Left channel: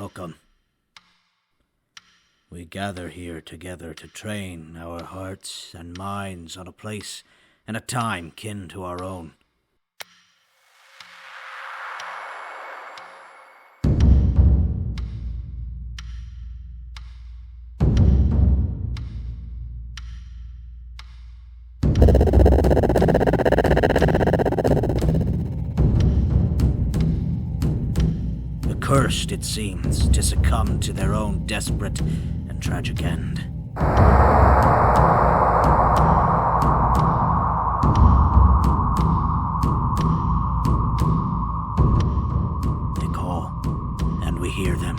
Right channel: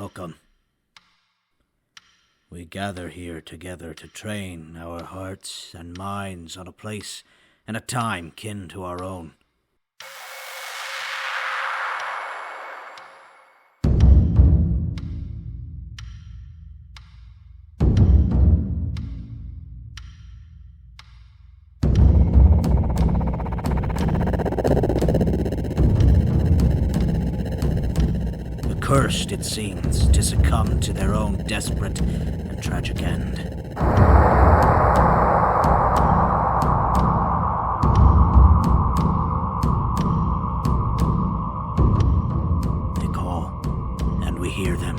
Welcome. We gather here together to train our hearts and minds on a place and a time kin to our own. Cursed, it seems, to succumb to their own desperate and tragic end. They call, and we hear them.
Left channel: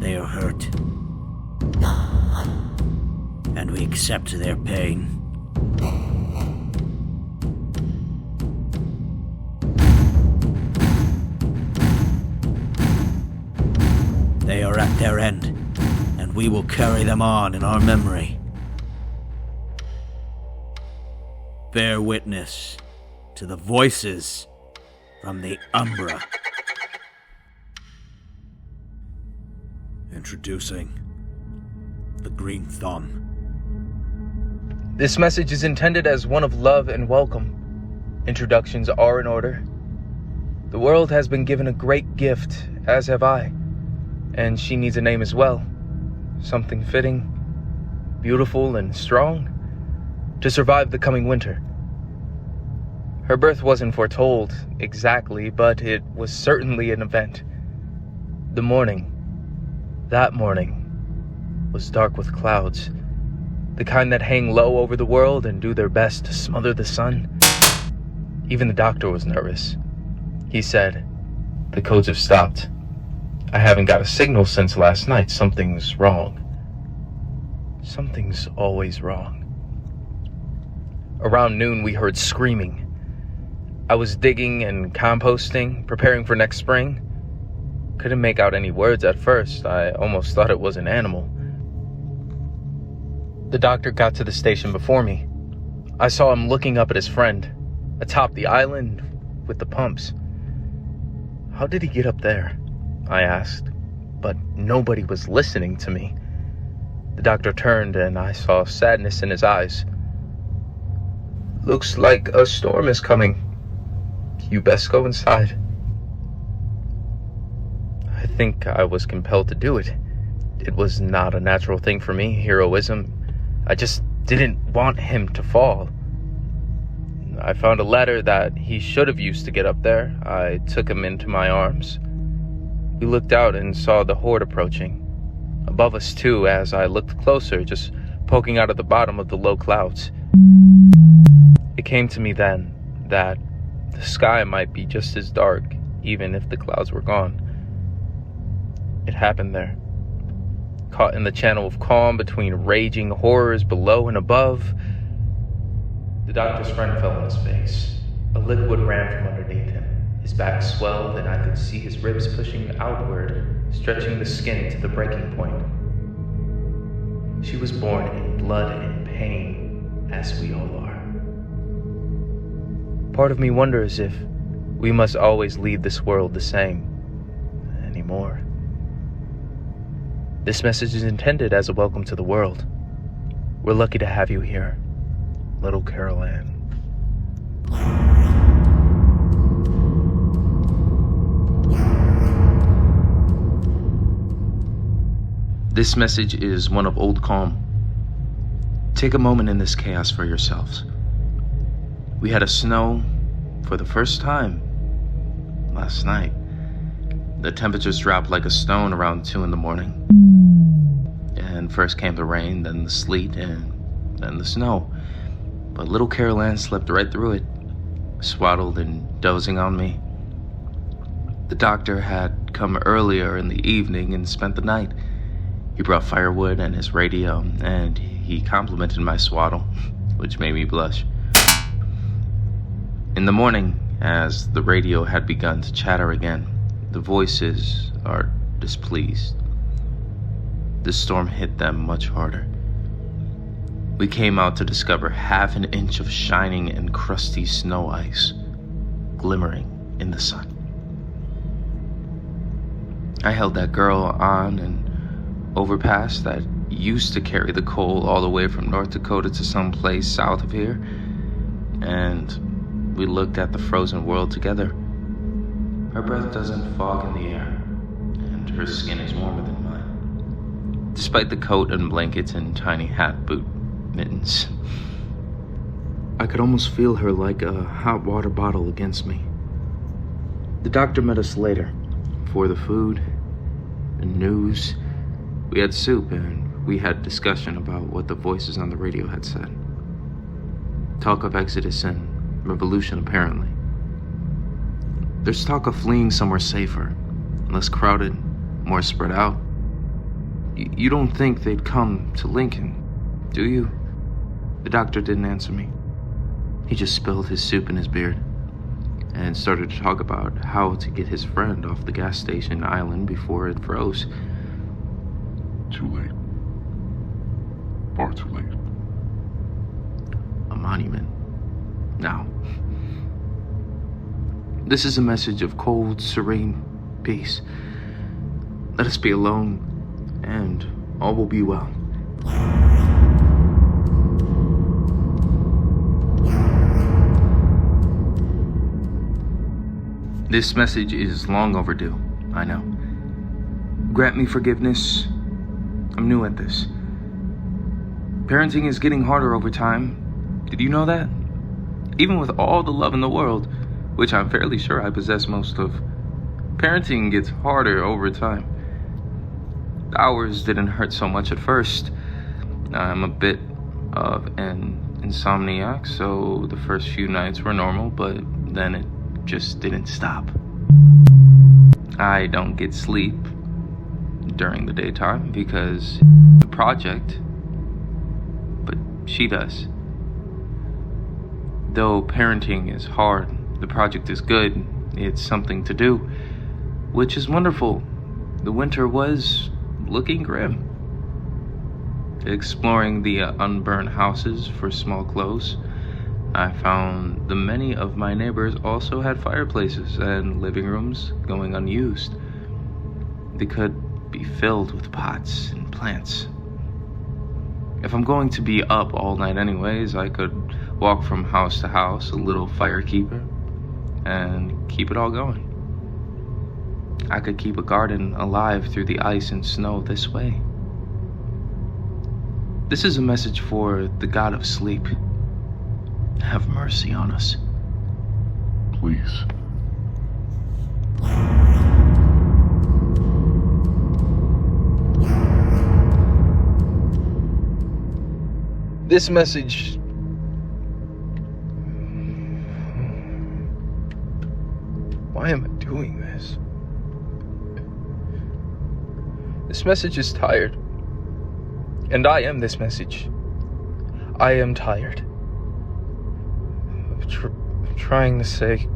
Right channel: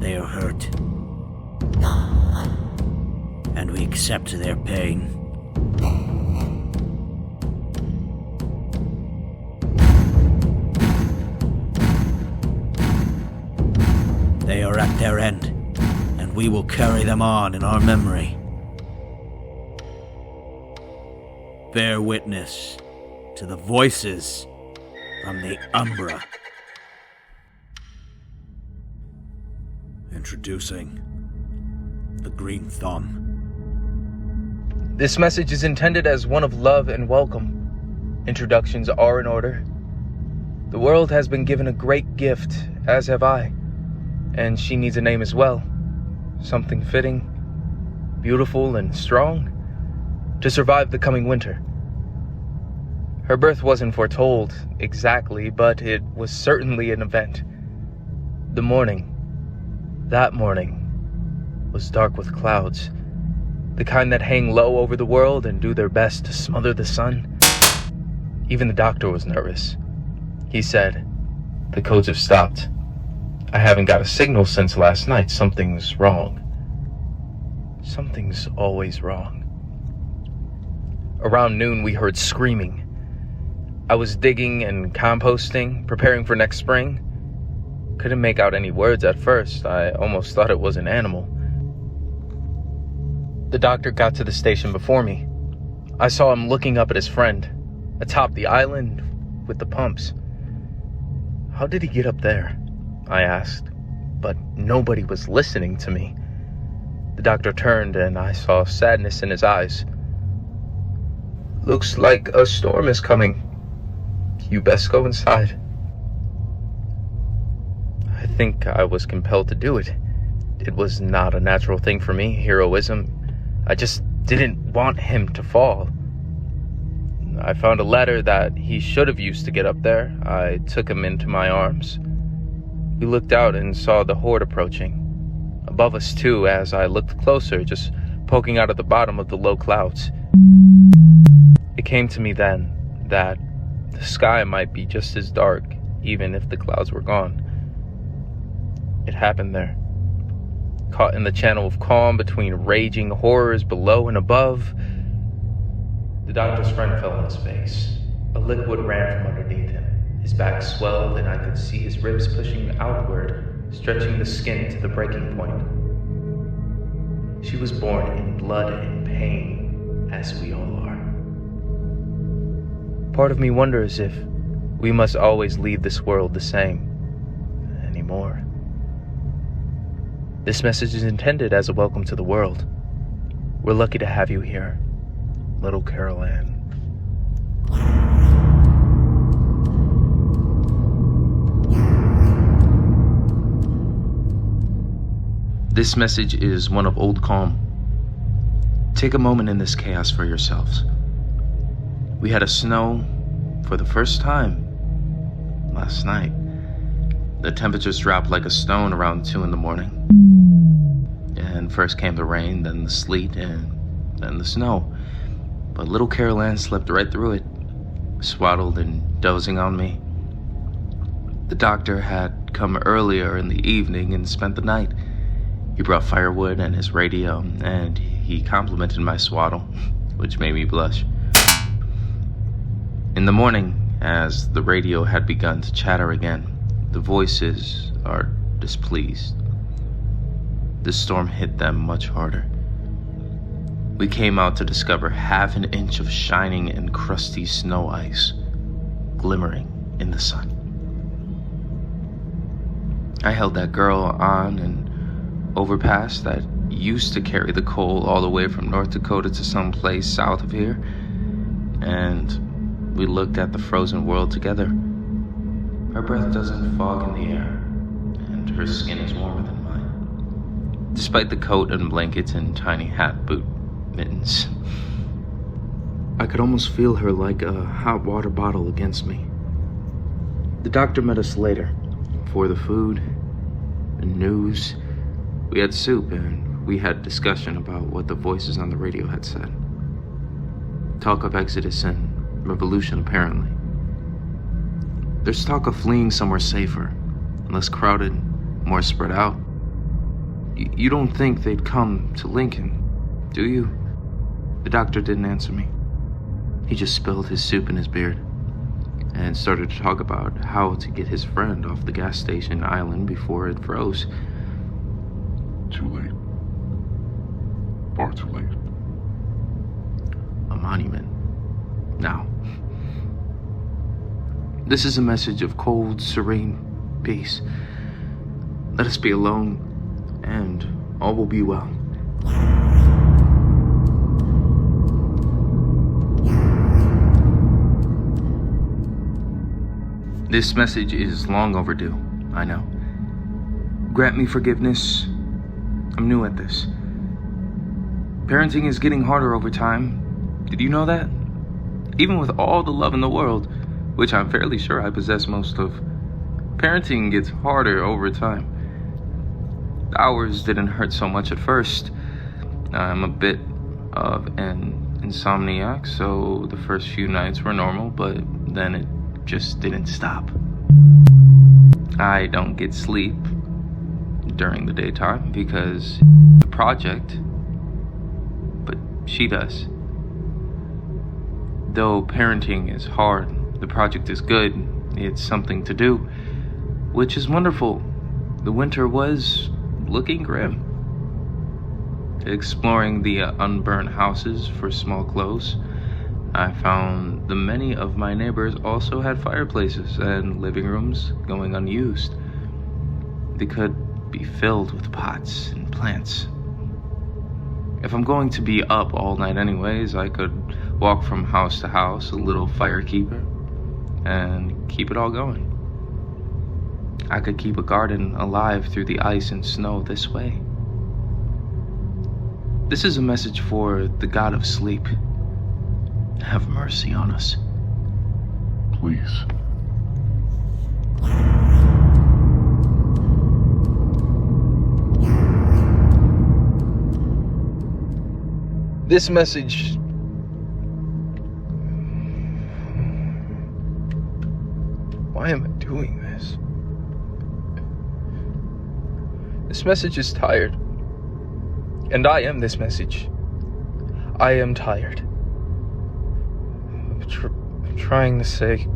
They are hurt, and we accept their pain. They are at their end, and we will carry them on in our memory. Bear witness to the voices from the Umbra. Introducing the Green Thumb. This message is intended as one of love and welcome. Introductions are in order. The world has been given a great gift, as have I. And she needs a name as well. Something fitting, beautiful, and strong to survive the coming winter. Her birth wasn't foretold exactly, but it was certainly an event. That morning, was dark with clouds, the kind that hang low over the world and do their best to smother the sun. Even the doctor was nervous. He said, "The codes have stopped. I haven't got a signal since last night. Something's wrong." Something's always wrong. Around noon, we heard screaming. I was digging and composting, preparing for next spring. Couldn't make out any words at first. I almost thought it was an animal. The doctor got to the station before me. I saw him looking up at his friend, atop the island with the pumps. How did he get up there? I asked, but nobody was listening to me. The doctor turned and I saw sadness in his eyes. "Looks like a storm is coming. You best go inside." I think I was compelled to do it. It was not a natural thing for me, heroism. I just didn't want him to fall. I found a ladder that he should have used to get up there. I took him into my arms. We looked out and saw the horde approaching. Above us too, as I looked closer, just poking out of the bottom of the low clouds. It came to me then that the sky might be just as dark, even if the clouds were gone. It happened there. Caught in the channel of calm between raging horrors below and above, the doctor's friend fell on his face. A liquid ran from underneath him. His back swelled and I could see his ribs pushing outward, stretching the skin to the breaking point. She was born in blood and pain, as we all are. Part of me wonders if we must always leave this world the same anymore. This message is intended as a welcome to the world. We're lucky to have you here, little Carol Ann. This message is one of old calm. Take a moment in this chaos for yourselves. We had a snow for the first time last night. The temperatures dropped like a stone around 2 a.m. And first came the rain, then the sleet, and then the snow. But little Carol Ann slept right through it, swaddled and dozing on me. The doctor had come earlier in the evening and spent the night. He brought firewood and his radio, and he complimented my swaddle, which made me blush. In the morning, as the radio had begun to chatter again, the voices are displeased. The storm hit them much harder. We came out to discover half an inch of shining and crusty snow ice, glimmering in the sun. I held that girl on an overpass that used to carry the coal all the way from North Dakota to some place south of here, and we looked at the frozen world together. Her breath doesn't fog in the air, and her skin is warmer than mine, despite the coat and blankets and tiny hat boot mittens. I could almost feel her like a hot water bottle against me. The doctor met us later for the food and news. We had soup and we had discussion about what the voices on the radio had said. Talk of exodus and revolution, apparently. There's talk of fleeing somewhere safer, less crowded, more spread out. You don't think they'd come to Lincoln, do you? The doctor didn't answer me. He just spilled his soup in his beard and started to talk about how to get his friend off the gas station island before it froze. Too late. Far too late. A monument. Now. This is a message of cold, serene peace. Let us be alone, and all will be well. This message is long overdue, I know. Grant me forgiveness. I'm new at this. Parenting is getting harder over time. Did you know that? Even with all the love in the world, which I'm fairly sure I possess most of, parenting gets harder over time. The hours didn't hurt so much at first. I'm a bit of an insomniac, so the first few nights were normal, but then it just didn't stop. I don't get sleep during the daytime because the project, but she does. Though parenting is hard, the project is good. It's something to do, which is wonderful. The winter was looking grim. Exploring the unburned houses for small clothes, I found the many of my neighbors also had fireplaces and living rooms going unused. They could be filled with pots and plants. If I'm going to be up all night anyways, I could walk from house to house, a little firekeeper, and keep it all going. I could keep a garden alive through the ice and snow this way. This is a message for the God of sleep. Have mercy on us. Please. This message... Why am I doing this? This message is tired. And I am this message. I am tired. I'm trying to say...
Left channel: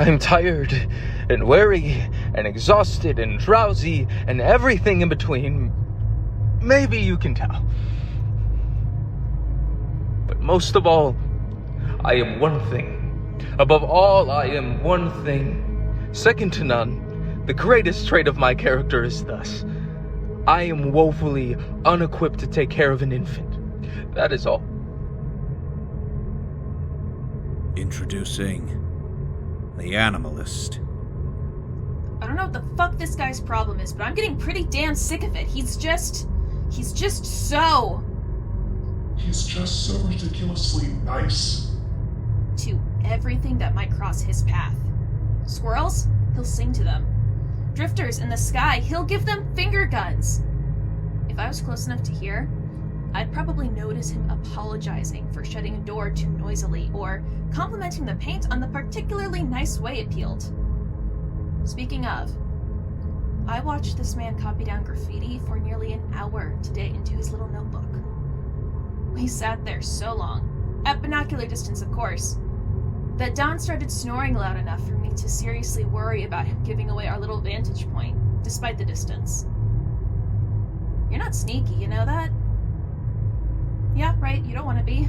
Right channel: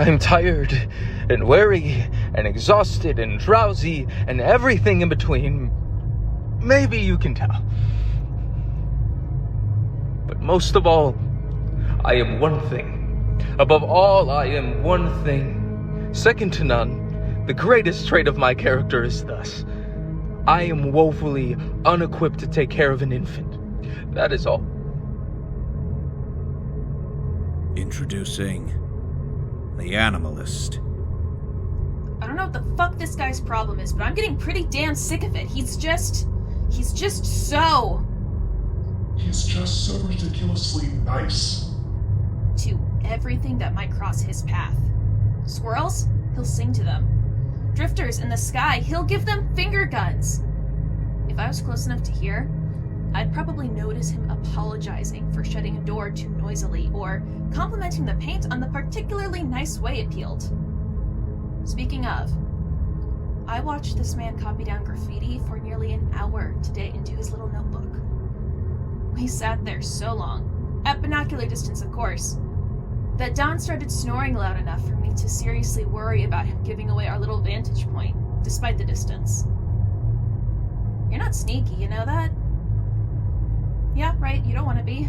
I'm tired and weary and exhausted and drowsy and everything in between. Maybe you can tell. But most of all, I am one thing. Above all, I am one thing. Second to none, the greatest trait of my character is thus. I am woefully unequipped to take care of an infant. That is all. Introducing the Animalist. I don't know what the fuck this guy's problem is, but I'm getting pretty damn sick of it. He's just so... He's just so ridiculously nice. to everything that might cross his path. Squirrels? He'll sing to them. Drifters in the sky? He'll give them finger guns. If I was close enough to hear, I'd probably notice him apologizing for shutting a door too noisily, or complimenting the paint on the particularly nice way it peeled. Speaking of, I watched this man copy down graffiti for nearly an hour today into his little notebook. We sat there so long, at binocular distance of course, that Don started snoring loud enough for me to seriously worry about him giving away our little vantage point, despite the distance. You're not sneaky, you know that? Yeah, right, you don't want to be.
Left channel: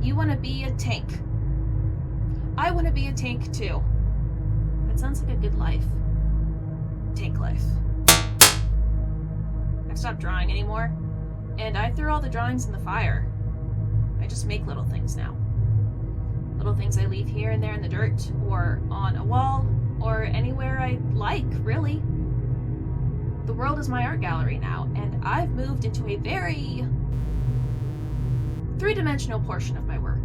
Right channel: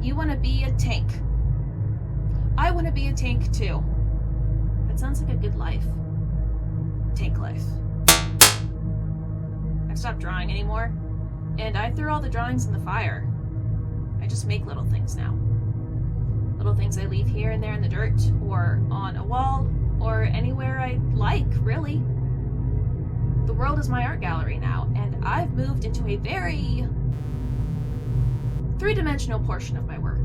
You want to be a tank. I want to be a tank, too. That sounds like a good life. Tank life. I've stopped drawing anymore, and I threw all the drawings in the fire. I just make little things now. Little things I leave here and there in the dirt, or on a wall, or anywhere I like, really. The world is my art gallery now, and I've moved into a very three-dimensional portion of my work.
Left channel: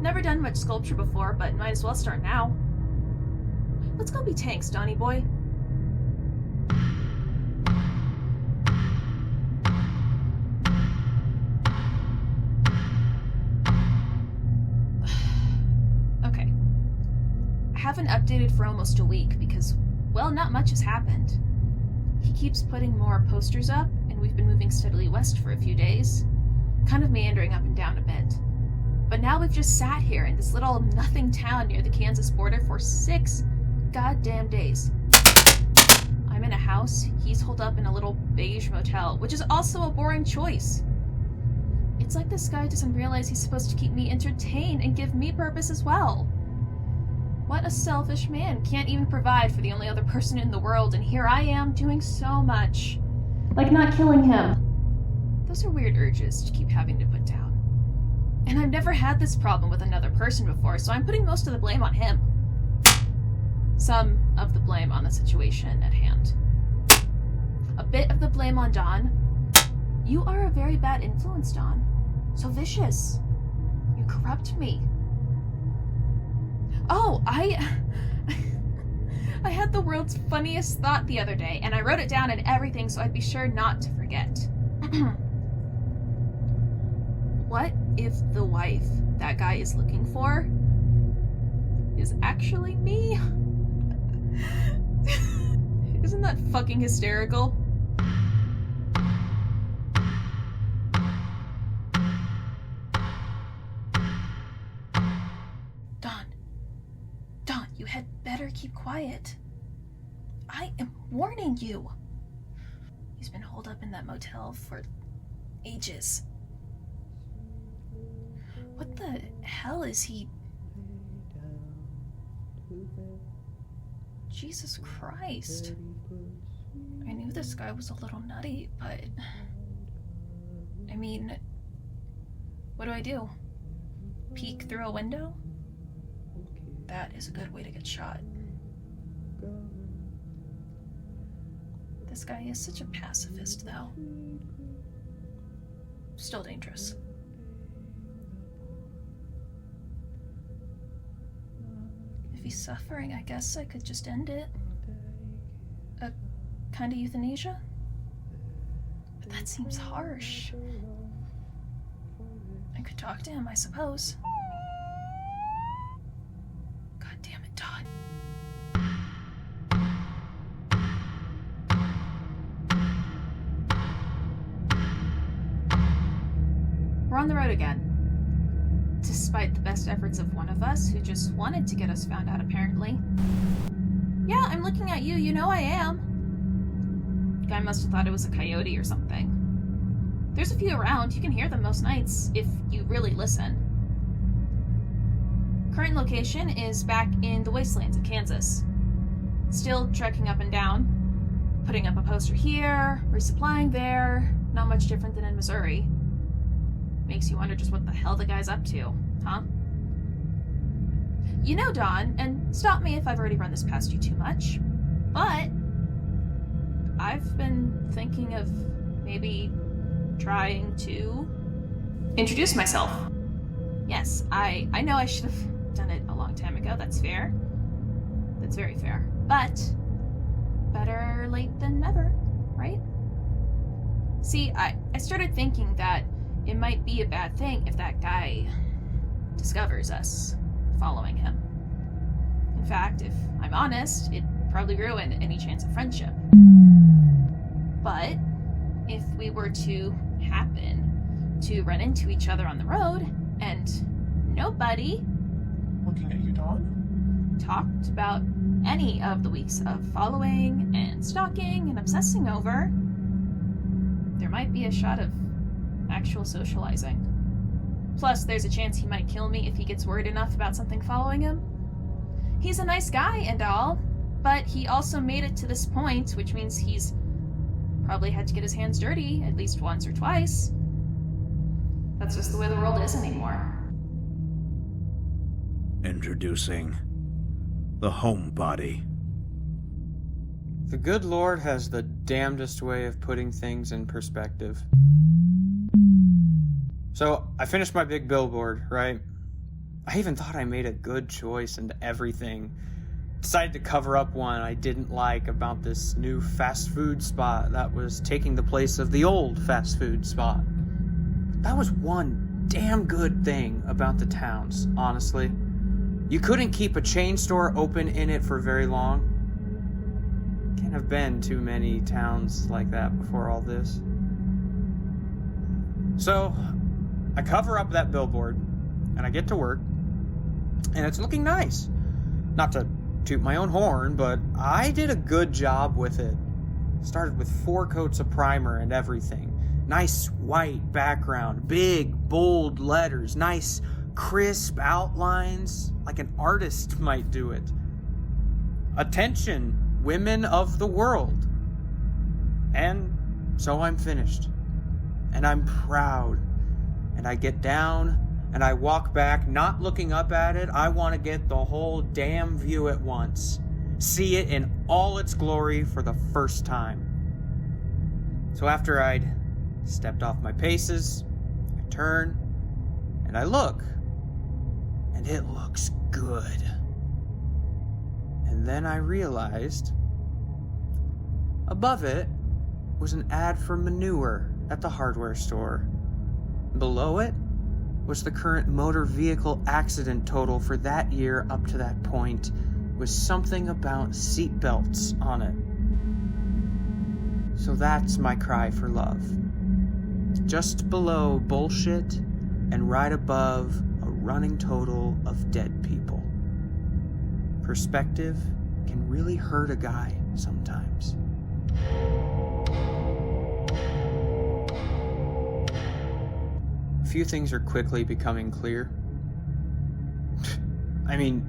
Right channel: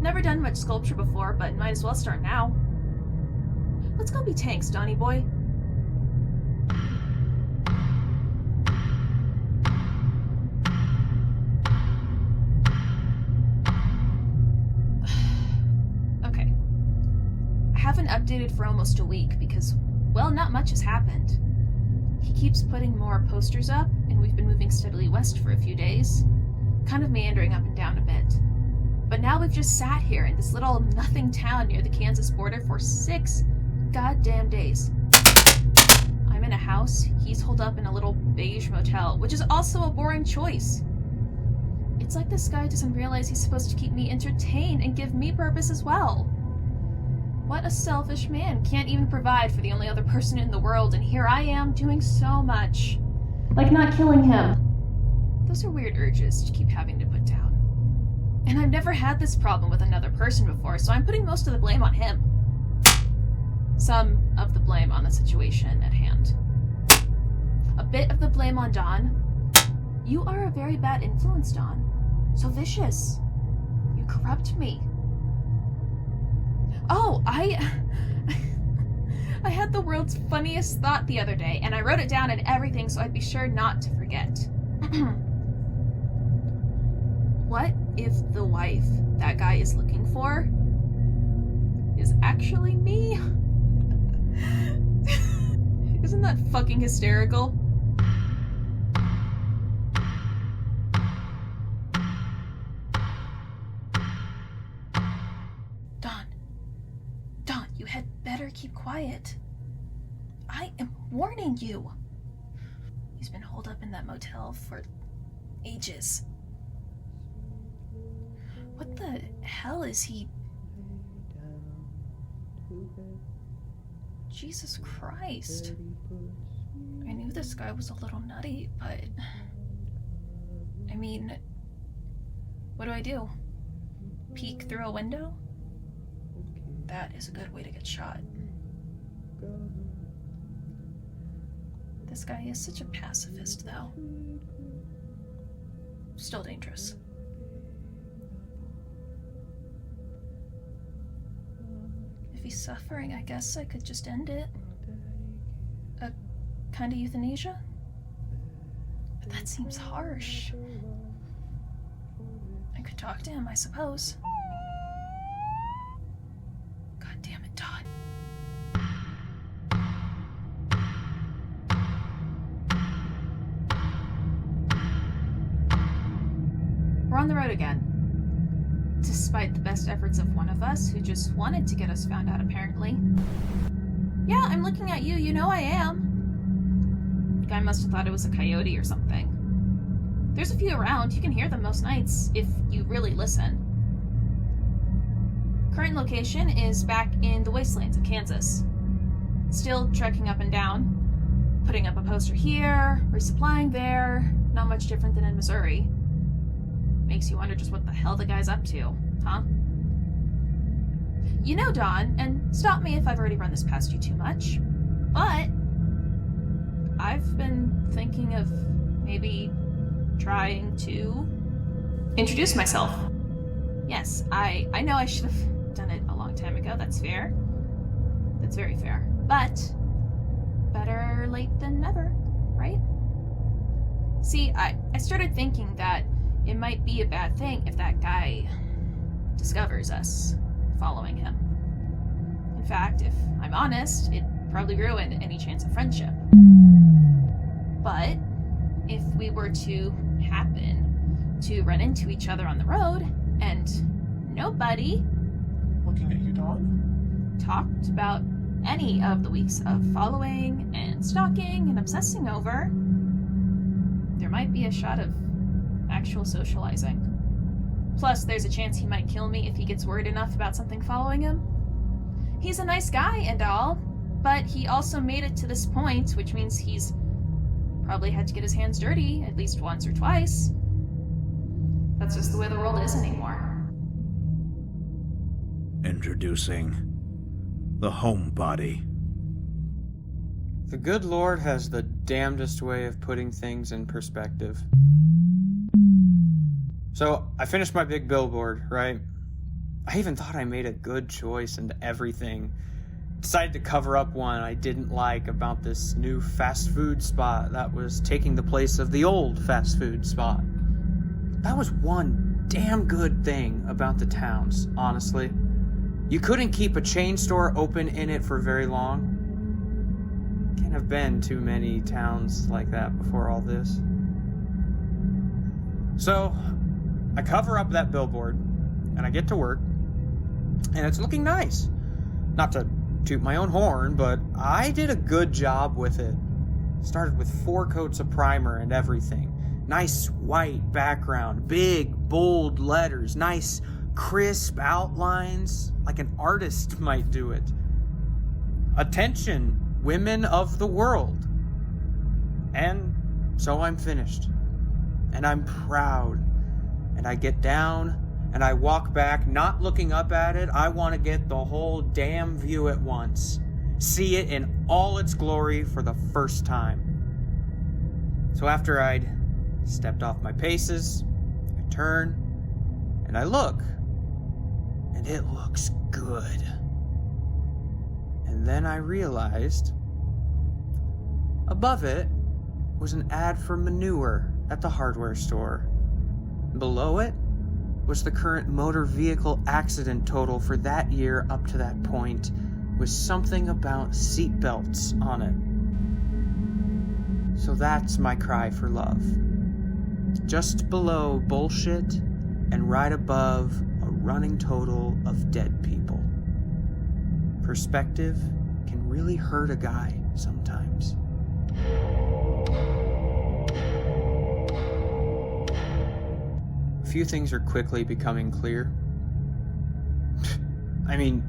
Never done much sculpture before, but might as well start now. Let's go be tanks, Donnie boy. Okay. I haven't updated for almost a week because, well, not much has happened. He keeps putting more posters up, and we've been moving steadily west for a few days, kind of meandering up and down a bit. But now we've just sat here in this little nothing town near the Kansas border for 6 goddamn days. I'm in a house, he's holed up in a little beige motel, which is also a boring choice. It's like this guy doesn't realize he's supposed to keep me entertained and give me purpose as well. What a selfish man, can't even provide for the only other person in the world, and here I am doing so much. Like not killing him. Those are weird urges to keep having to put down. And I've never had this problem with another person before, so I'm putting most of the blame on him. Some of the blame on the situation at hand. A bit of the blame on Don. You are a very bad influence, Don. So vicious. You corrupt me. Oh, I had the world's funniest thought the other day, and I wrote it down and everything so I'd be sure not to forget. What if the wife that guy is looking for is actually me? Isn't that fucking hysterical? Don, you had better keep quiet. I am warning you. He's been holed up in that motel for ages. What the hell is he? Jesus Christ. I knew this guy was a little nutty, but... I mean... What do I do? Peek through a window? That is a good way to get shot. This guy is such a pacifist, though. Still dangerous. If he's suffering, I guess I could just end it. A kind of euthanasia? But that seems harsh. I could talk to him, I suppose. God damn it, Todd. We're on the road again. Despite the best efforts of one of us, who just wanted to get us found out, apparently. Yeah, I'm looking at you, you know I am. The guy must have thought it was a coyote or something. There's a few around, you can hear them most nights, if you really listen. Current location is back in the wastelands of Kansas. Still trekking up and down, putting up a poster here, resupplying there, not much different than in Missouri. Makes you wonder just what the hell the guy's up to, huh? You know, Don, and stop me if I've already run this past you too much, but I've been thinking of maybe trying to introduce myself. Yes, I know I should have done it a long time ago, that's fair. That's very fair. But better late than never, right? See, I started thinking that it might be a bad thing if that guy discovers us following him. In fact, if I'm honest, it'd probably ruin any chance of friendship. But if we were to happen to run into each other on the road, and nobody... Looking at you, Dawn? ...talked about any of the weeks of following and stalking and obsessing over, there might be a shot of actual socializing. Plus, there's a chance he might kill me if he gets worried enough about something following him. He's a nice guy and all, but he also made it to this point, which means he's probably had to get his hands dirty at least once or twice. That's just the way the world is anymore. Introducing the homebody. The good Lord has the damnedest way of putting things in perspective. So, I finished my big billboard, right? I even thought I made a good choice and everything. Decided to cover up one I didn't like about this new fast food spot that was taking the place of the old fast food spot. That was one damn good thing about the towns, honestly. You couldn't keep a chain store open in it for very long. Can't have been too many towns like that before all this. So, I cover up that billboard, and I get to work, and it's looking nice. Not to toot my own horn, but I did a good job with it. Started with 4 coats of primer and everything. Nice white background, big, bold letters, nice, crisp outlines, like an artist might do it. Attention, women of the world. And so I'm finished. And I'm proud. And I get down and I walk back, not looking up at it. I want to get the whole damn view at once. See it in all its glory for the first time. So after I'd stepped off my paces, I turn and I look. And it looks good. And then I realized above it was an ad for manure at the hardware store. Below it was the current motor vehicle accident total for that year up to that point, with something about seat belts on it. So that's my cry for love. Just below bullshit and right above a running total of dead people. Perspective can really hurt a guy sometimes. A few things are quickly becoming clear. I mean,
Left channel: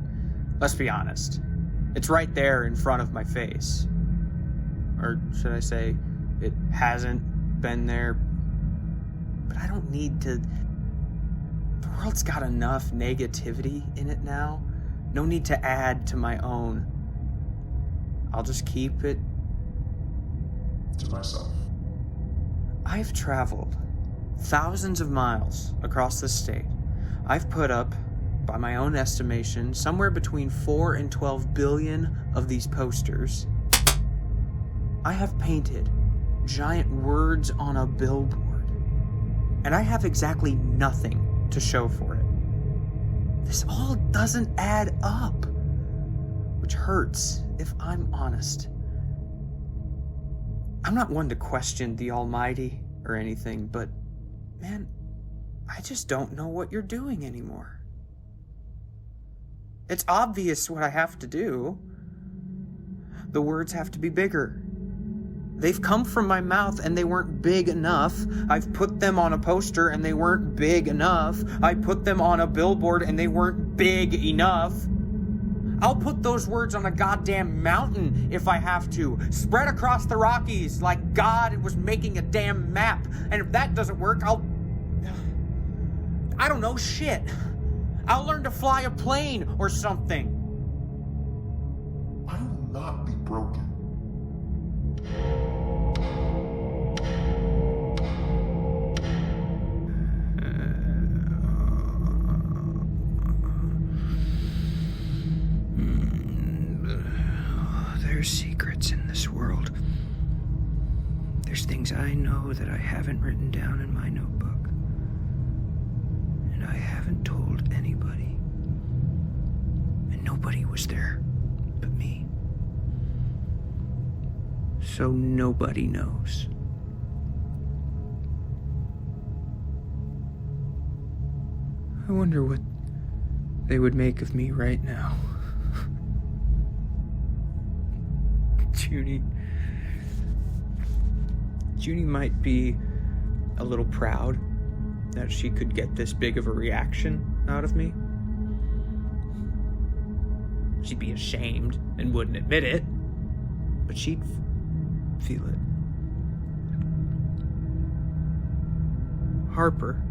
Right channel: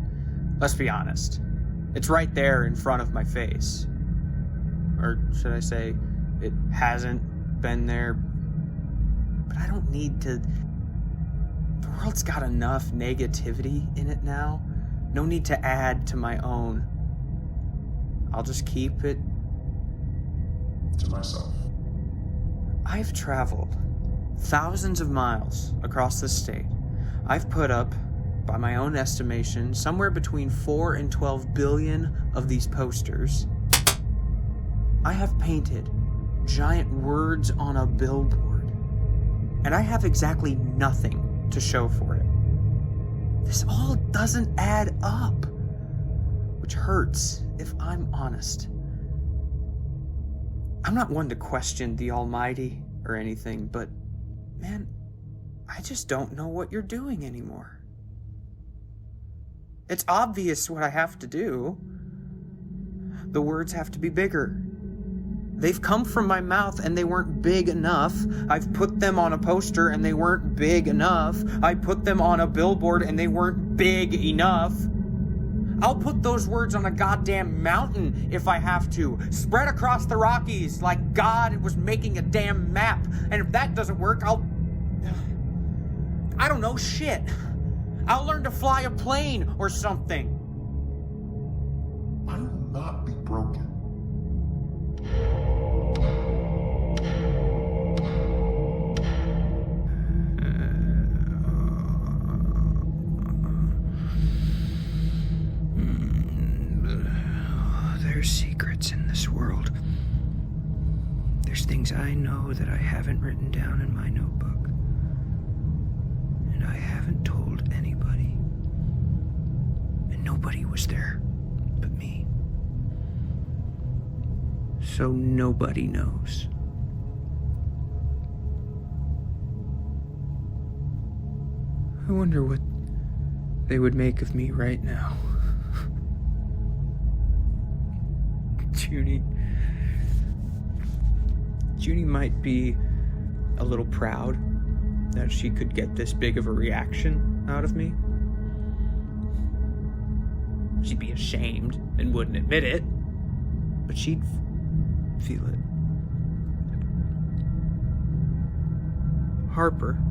let's be honest. It's right there in front of my face. Or should I say, it hasn't been there. But I don't need to... The world's got enough negativity in it now. No need to add to my own. I'll just keep it To myself. I've traveled thousands of miles across the state. I've put up, by my own estimation, somewhere between 4 and 12 billion of these posters. I have painted giant words on a billboard, and I have exactly nothing to show for it. This all doesn't add up, which hurts if I'm honest. I'm not one to question the Almighty or anything, but man, I just don't know what you're doing anymore. It's obvious what I have to do. The words have to be bigger. They've come from my mouth and they weren't big enough. I've put them on a poster and they weren't big enough. I put them on a billboard and they weren't big enough. I'll put those words on a goddamn mountain if I have to. Spread across the Rockies like God was making a damn map. And if that doesn't work, I don't know, shit. I'll learn to fly a plane or something. I will not be broken. There's secrets in this world. There's things I know that I haven't written down in my notebook. And I haven't told anybody. And nobody was there but me. So nobody knows. I wonder what they would make of me right now. Junie might be a little proud that she could get this big of a reaction out of me. She'd be ashamed and wouldn't admit it, but she'd feel it. Harper.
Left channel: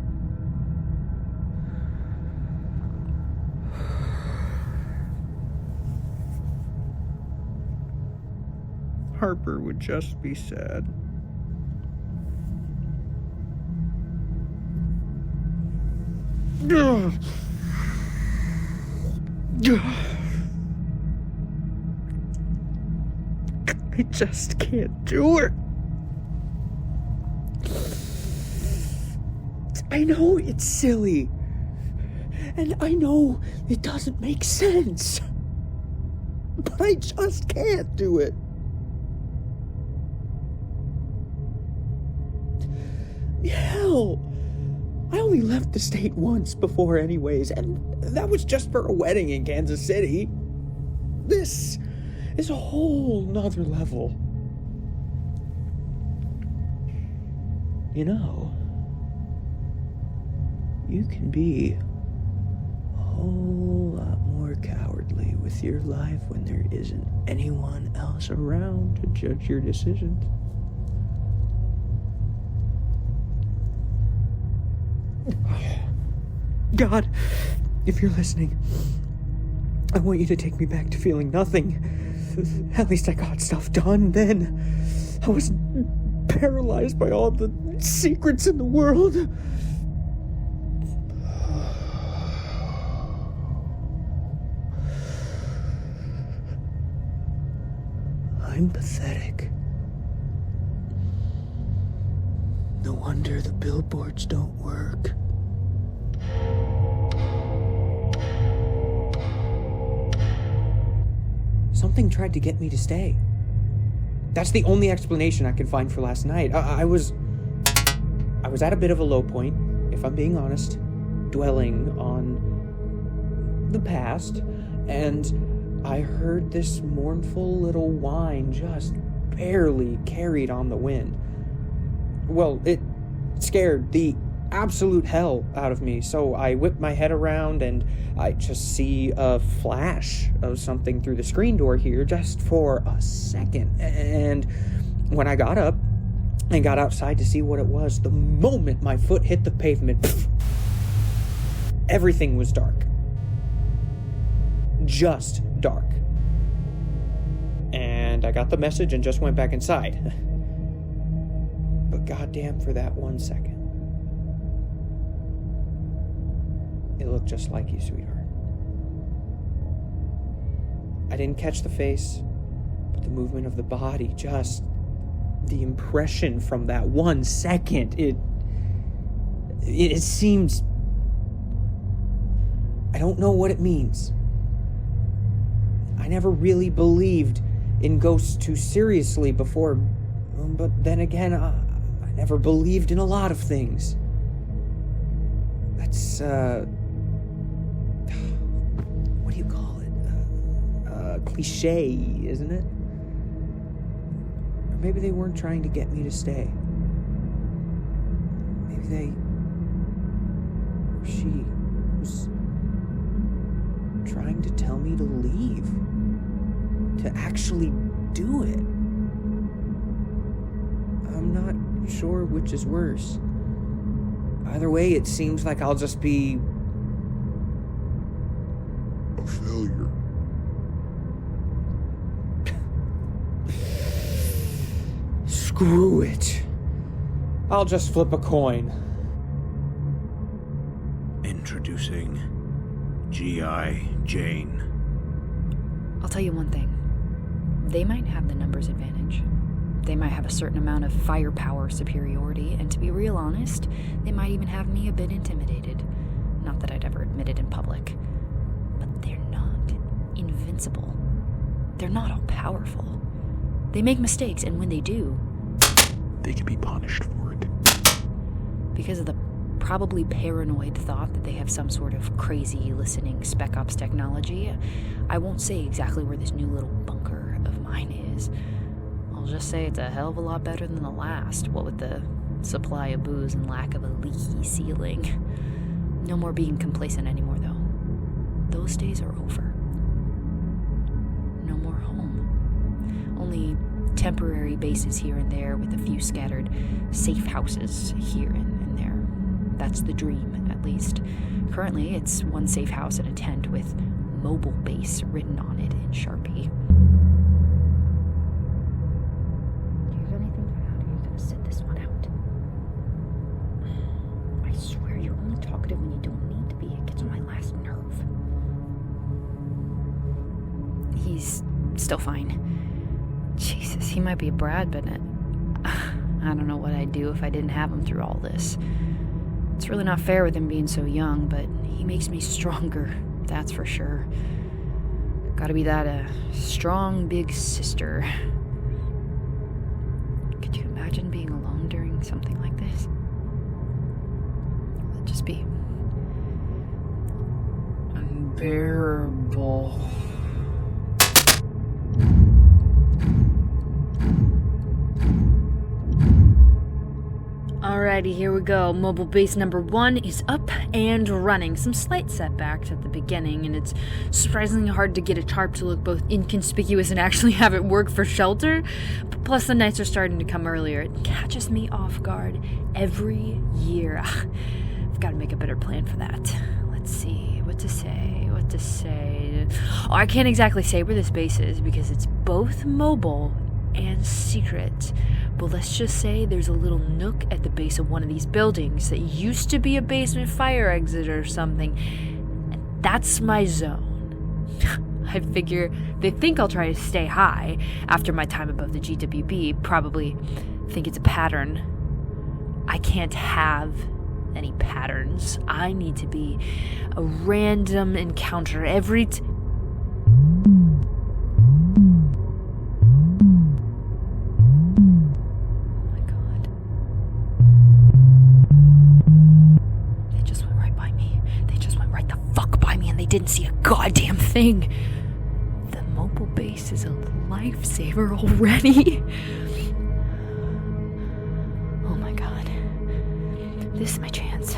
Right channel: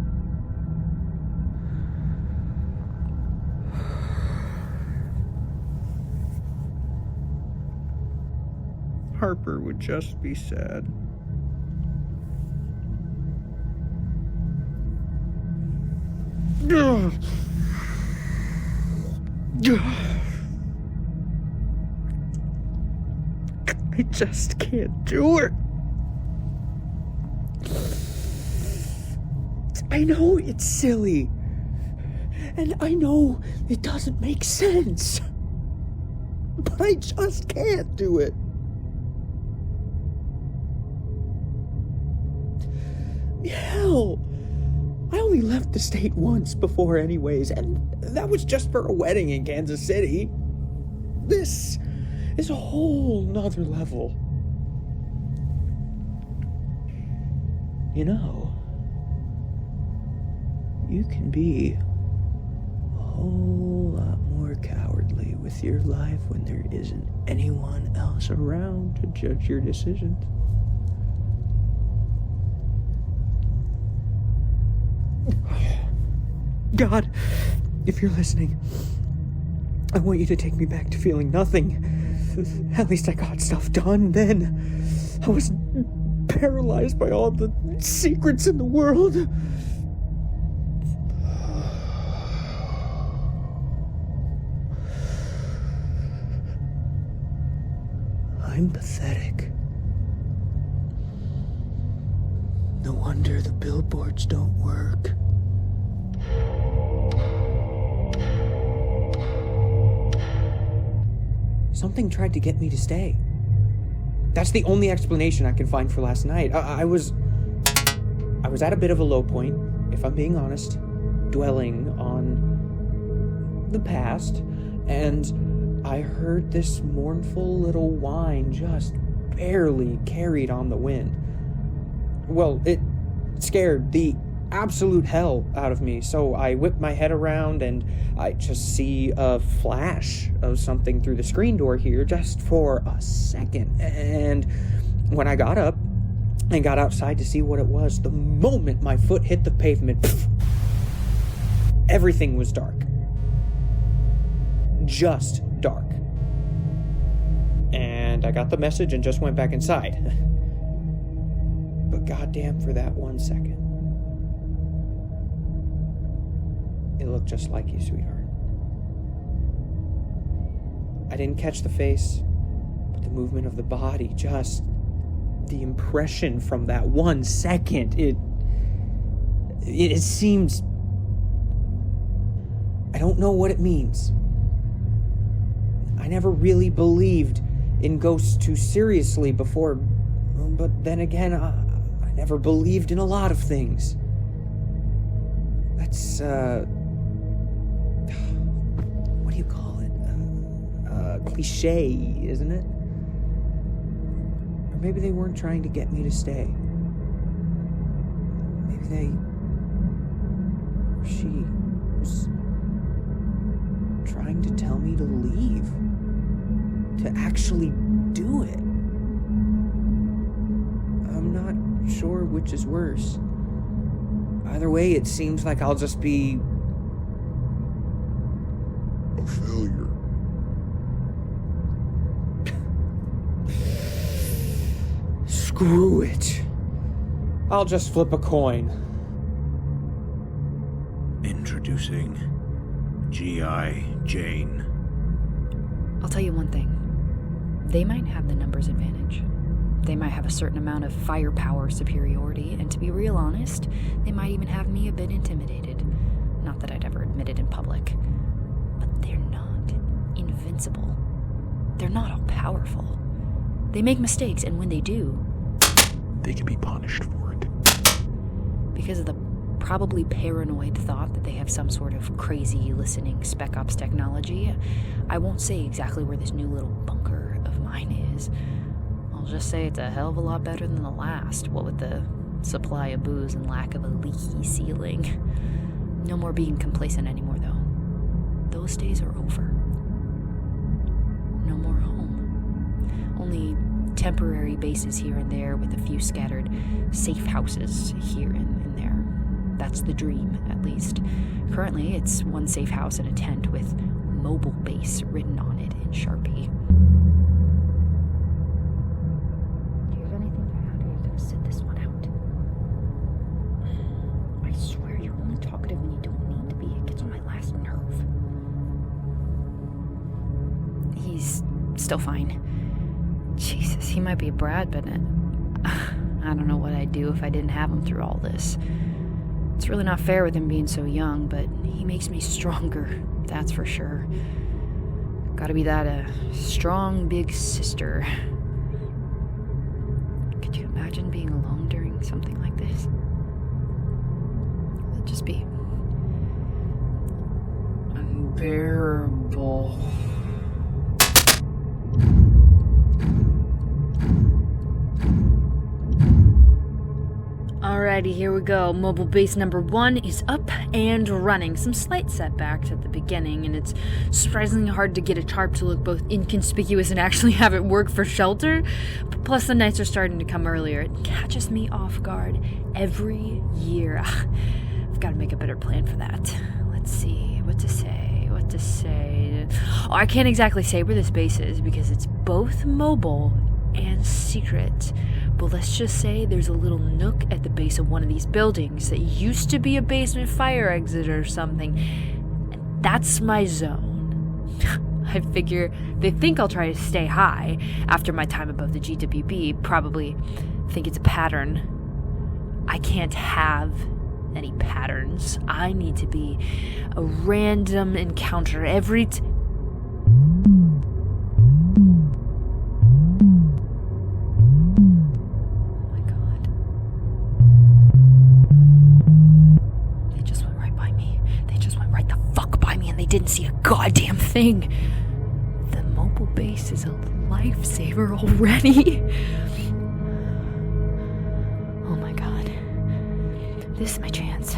Harper would just be sad. I just can't do it. I know it's silly. And I know it doesn't make sense. But I just can't do it. Hell, I only left the state once before anyways, and that was just for a wedding in Kansas City. This is a whole nother level. You know, you can be a whole lot more cowardly with your life when there isn't anyone else around to judge your decisions. God, if you're listening, I want you to take me back to feeling nothing. At least I got stuff done then. I wasn't paralyzed by all the secrets in the world. I'm pathetic. No wonder the billboards don't work. Something tried to get me to stay. That's the only explanation I can find for last night. I was at a bit of a low point, if I'm being honest, dwelling on the past, and I heard this mournful little whine just barely carried on the wind. Well, it scared the absolute hell out of me, so I whipped my head around and I just see a flash of something through the screen door here just for a second. And when I got up and got outside to see what it was, the moment my foot hit the pavement, pff, everything was dark. Just dark. And I got the message and just went back inside. But goddamn, for that 1 second, it looked just like you, sweetheart. I didn't catch the face, but the movement of the body, just the impression from that 1 second, it seems... I don't know what it means. I never really believed in ghosts too seriously before, but then again, I never believed in a lot of things. That's, what do you call it? Cliche, isn't it? Or maybe they weren't trying to get me to stay. Maybe she was trying to tell me to leave. To actually do it. I'm not sure which is worse. Either way, it seems like I'll just be... a failure. Screw it. I'll just flip a coin. Introducing G.I. Jane. I'll tell you one thing. They might have the numbers advantage. They might have a certain amount of firepower superiority, and to be real honest, they might even have me a bit intimidated. Not that I'd ever admit it in public. But they're not invincible. They're not all powerful. They make mistakes, and when they do... They can be punished for it. Because of the probably paranoid thought that they have some sort of crazy listening spec ops technology, I won't say exactly where this new little bunker of mine is. I'll just say it's a hell of a lot better than the last, what with the supply of booze and lack of a leaky ceiling. No more being complacent anymore, though. Those days are over. No more home. Only temporary bases here and there with a few scattered safe houses here and there. That's the dream, at least. Currently, it's one safe house and a tent with mobile base written on it in Sharpie. Do you have anything to add, or are you gonna sit this one out? I swear, you're only talkative when you don't need to be. It gets on my last nerve. He's still fine. Jesus, he might be a brat, but I don't know what I'd do if I didn't have him through all this. It's really not fair with him being so young, but he makes me stronger, that's for sure. Gotta be that strong big sister. Could you imagine being alone during something like this? It'd just be unbearable. Alrighty, here we go. Mobile base number 1 is up and running. Some slight setbacks at the beginning, and it's surprisingly hard to get a tarp to look both inconspicuous and actually have it work for shelter. But plus, the nights are starting to come earlier. It catches me off guard every year. I've got to make a better plan for that. Let's see, what to say. Oh, I can't exactly say where this base is because it's both mobile and secret. But let's just say there's a little nook at the base of one of these buildings that used to be a basement fire exit or something. That's my zone. I figure they think I'll try to stay high after my time above the GWB. Probably think it's a pattern. I can't have any patterns. I need to be a random encounter every They didn't see a goddamn thing. The mobile base is a lifesaver already. Oh my god. This is my chance.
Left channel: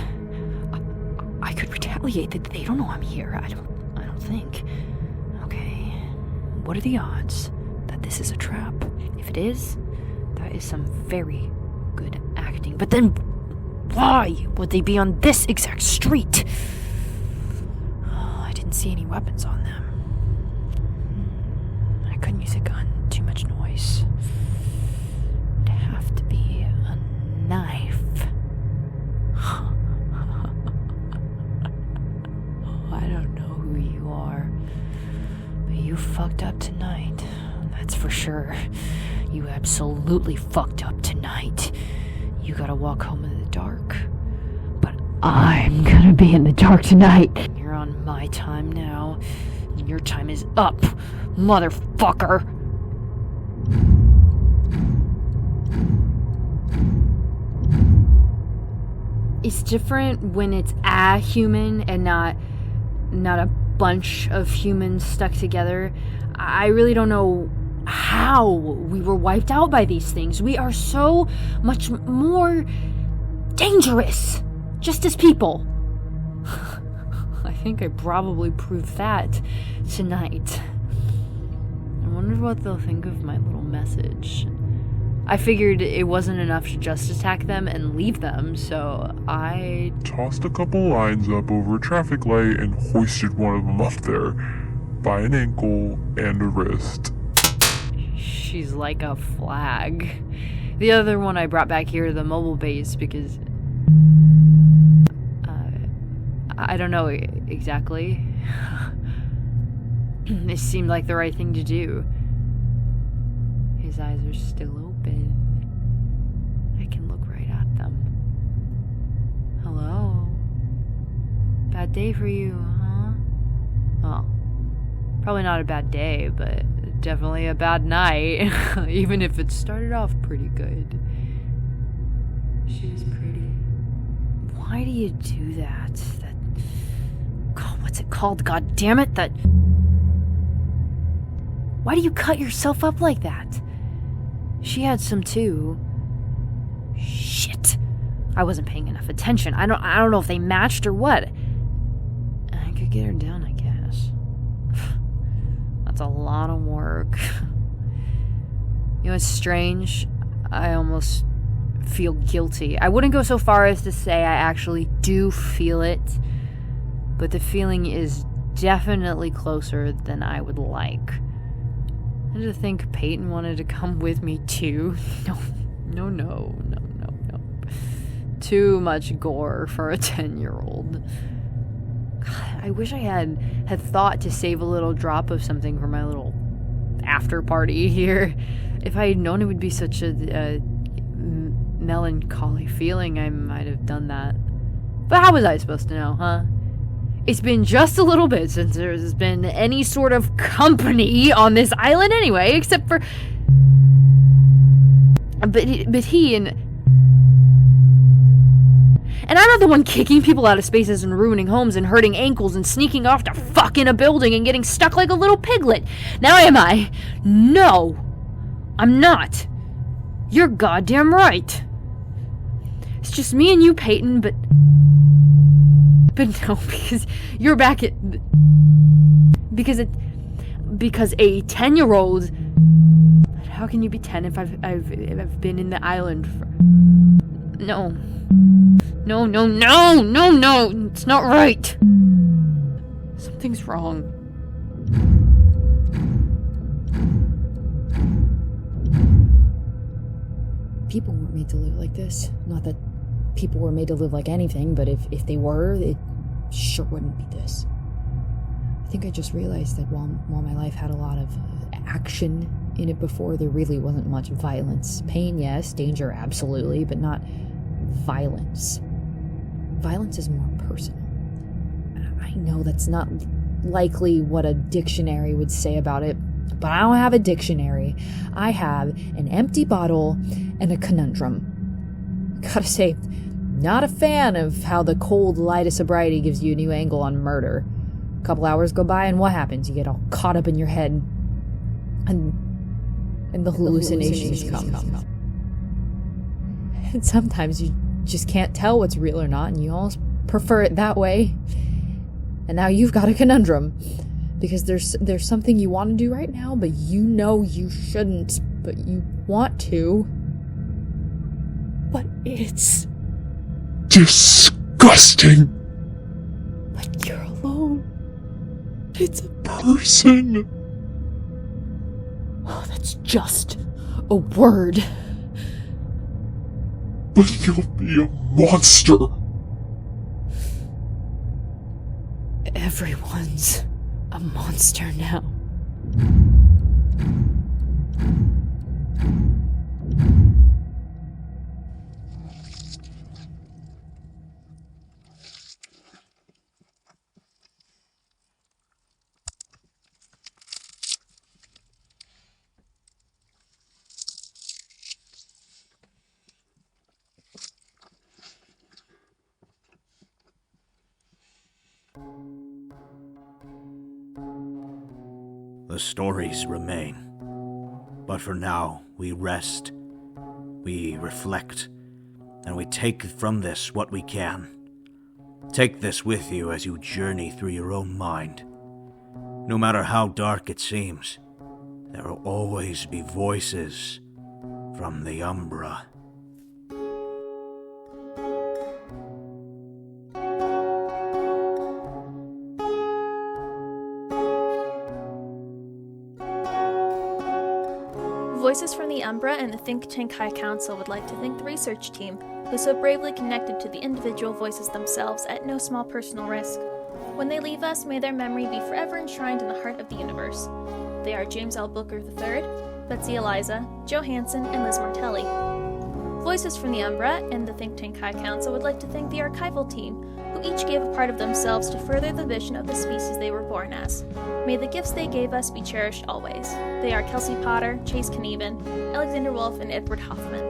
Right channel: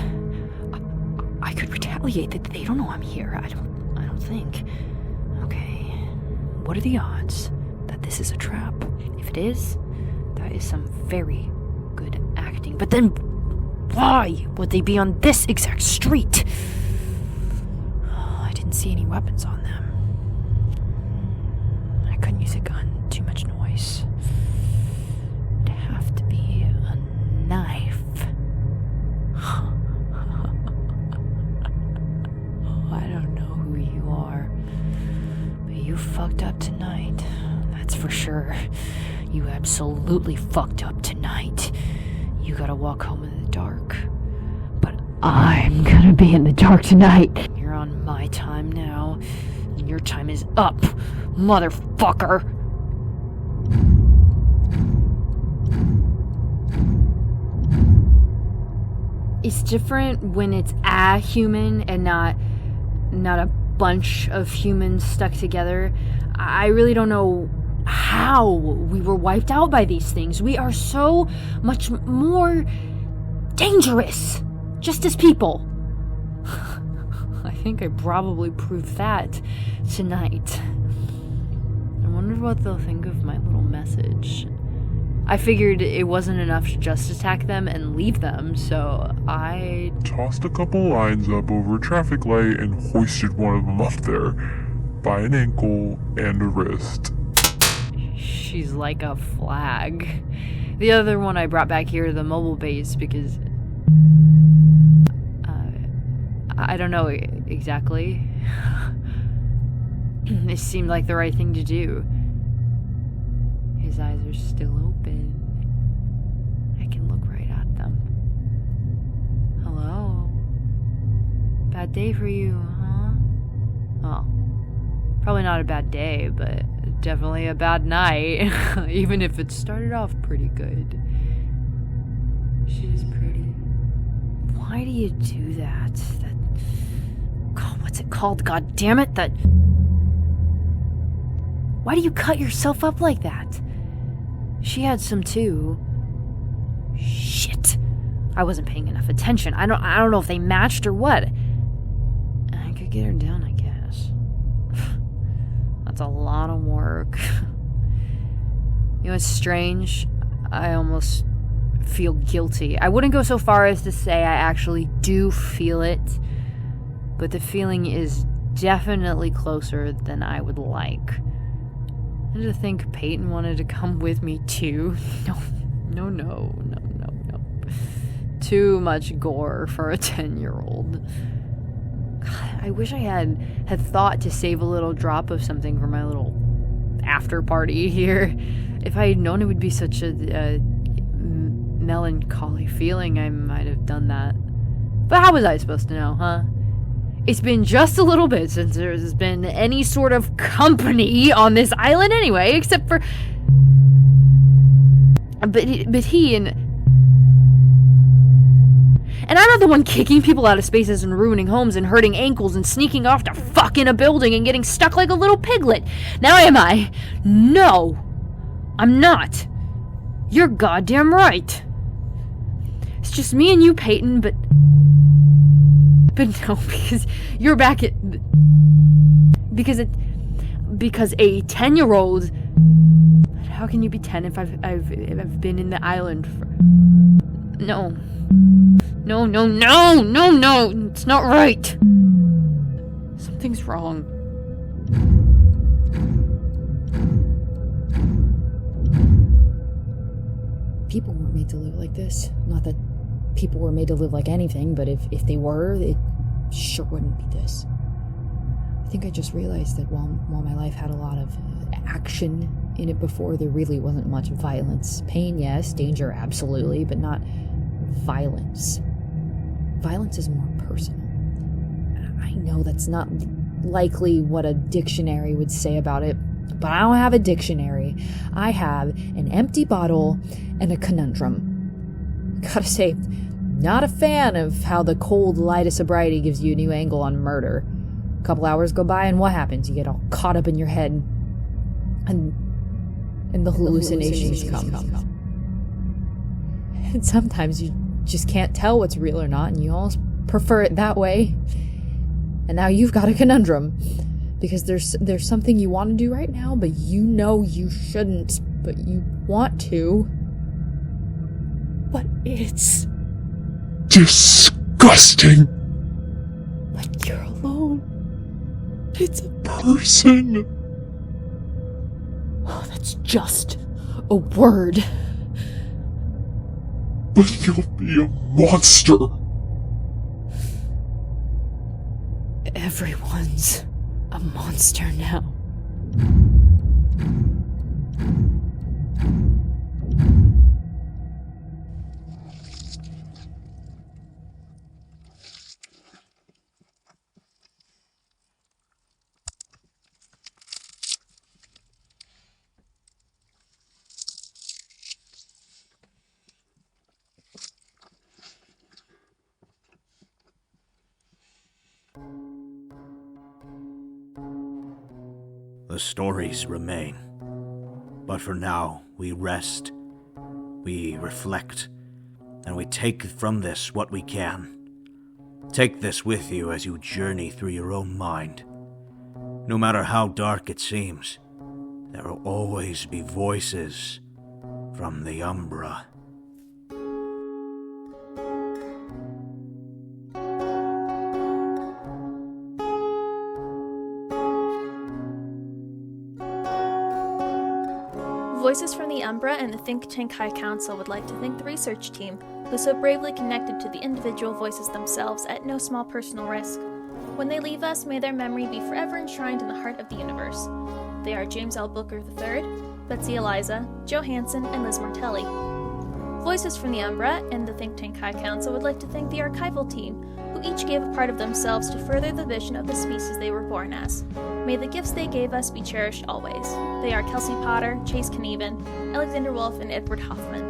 I could retaliate. They don't know I'm here. I don't think. Okay. What are the odds that this is a trap? If it is, that is some very good acting. But then why would they be on this exact street? Didn't see any weapons on them. I couldn't use a gun. Too much noise. It'd have to be a knife. I don't know who you are, but you fucked up tonight. That's for sure. You absolutely fucked up tonight. You gotta walk home in the dark. But I'm gonna be in the dark tonight. You're on my time now, and your time is up, motherfucker. It's different when it's a human and not a bunch of humans stuck together. I really don't know how we were wiped out by these things. We are so much more dangerous, just as people. I think I probably proved that tonight. I wonder what they'll think of my little message. I figured it wasn't enough to just attack them and leave them, so I tossed a couple lines up over a traffic light and hoisted one of them up there by an ankle and a wrist. She's like a flag. The other one I brought back here, the mobile base, because I don't know exactly. It seemed like the right thing to do. His eyes are still open. I can look right at them. Hello? Bad day for you, huh? Well, probably not a bad day, but definitely a bad night. Even if it started off pretty good. She was pretty. Why do you do that? God, what's it called? God damn it! Why do you cut yourself up like that? She had some too. Shit. I wasn't paying enough attention. I don't know if they matched or what. I could get her down, I guess. That's a lot of work. You know, it's strange. I almost feel guilty. I wouldn't go so far as to say I actually do feel it, but the feeling is definitely closer than I would like. And to think Peyton wanted to come with me too. No. Too much gore for a 10-year-old. God, I wish I had thought to save a little drop of something for my little after party here. If I had known it would be such a melancholy feeling, I might have done that. But how was I supposed to know, huh? It's been just a little bit since there's been any sort of company on this island anyway, except for... But he and I'm not the one kicking people out of spaces and ruining homes and hurting ankles and sneaking off to fuck in a building and getting stuck like a little piglet. Now am I? No, I'm not. You're goddamn right. It's just me and you, Peyton, but no, because you're back at... Because a 10-year-old... How can you be 10 if I've been in the island for... No. It's not right. Something's wrong. People weren't made to live like this. Not that people were made to live like anything, but if they were, it sure wouldn't be this. I think I just realized that while my life had a lot of action in it before, there really wasn't much violence. Pain, yes. Danger, absolutely. But not violence. Violence is more personal. I know that's not likely what a dictionary would say about it, but I don't have a dictionary. I have an empty bottle and a conundrum. Gotta say, not a fan of how the cold light of sobriety gives you a new angle on murder. A couple hours go by and what happens? You get all caught up in your head and the hallucinations come. And sometimes you just can't tell what's real or not, and you almost prefer it that way. And now you've got a conundrum. Because there's something you want to do right now, but you know you shouldn't, but you want to. But it's... disgusting! But you're alone. It's a person! Oh, that's just a word. But you'll be a monster! Everyone's a monster now. The stories remain. But for now, we rest, we reflect, and we take from this what we can. Take this with you as you journey through your own mind. No matter how dark it seems, there will always be voices from the Umbra. Voices from the Umbra and the Think Tank High Council would like to thank the research team, who so bravely connected to the individual voices themselves at no small personal risk. When they leave us, may their memory be forever enshrined in the heart of the universe. They are James L. Booker III, Betsy Eliza, Joe Hansen, and Liz Martelli. Voices from the Umbra and the Think Tank High Council would like to thank the archival team, who each gave a part of themselves to further the vision of the species they were born as. May the gifts they gave us be cherished always. They are Kelsey Potter, Chase Knieven, Alexander Wolf, and Edward Hoffman.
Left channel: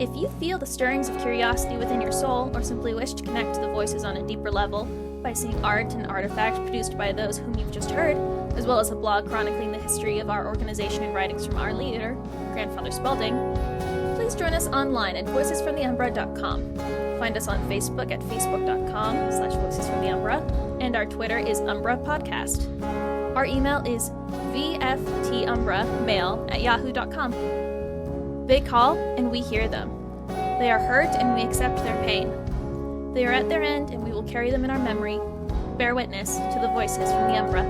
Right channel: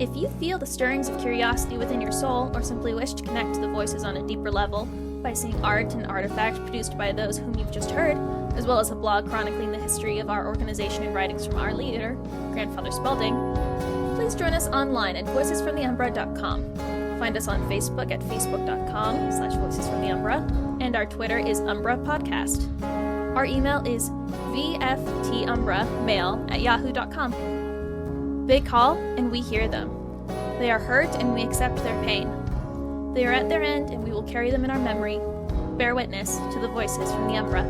If you feel the stirrings of curiosity within your soul, or simply wish to connect to the voices on a deeper level by seeing art and artifacts produced by those whom you've just heard, as well as a blog chronicling the history of our organization and writings from our leader, Grandfather Spalding, please Please join us online at voicesfromtheumbra.com. Find us on Facebook at facebook.com/voicesfromtheumbra, and our Twitter is Umbra Podcast. Our email is vftumbramail@yahoo.com. They call, and we hear them. They are hurt, and we accept their pain. They are at their end, and we will carry them in our memory, bear witness to the voices from the Umbra.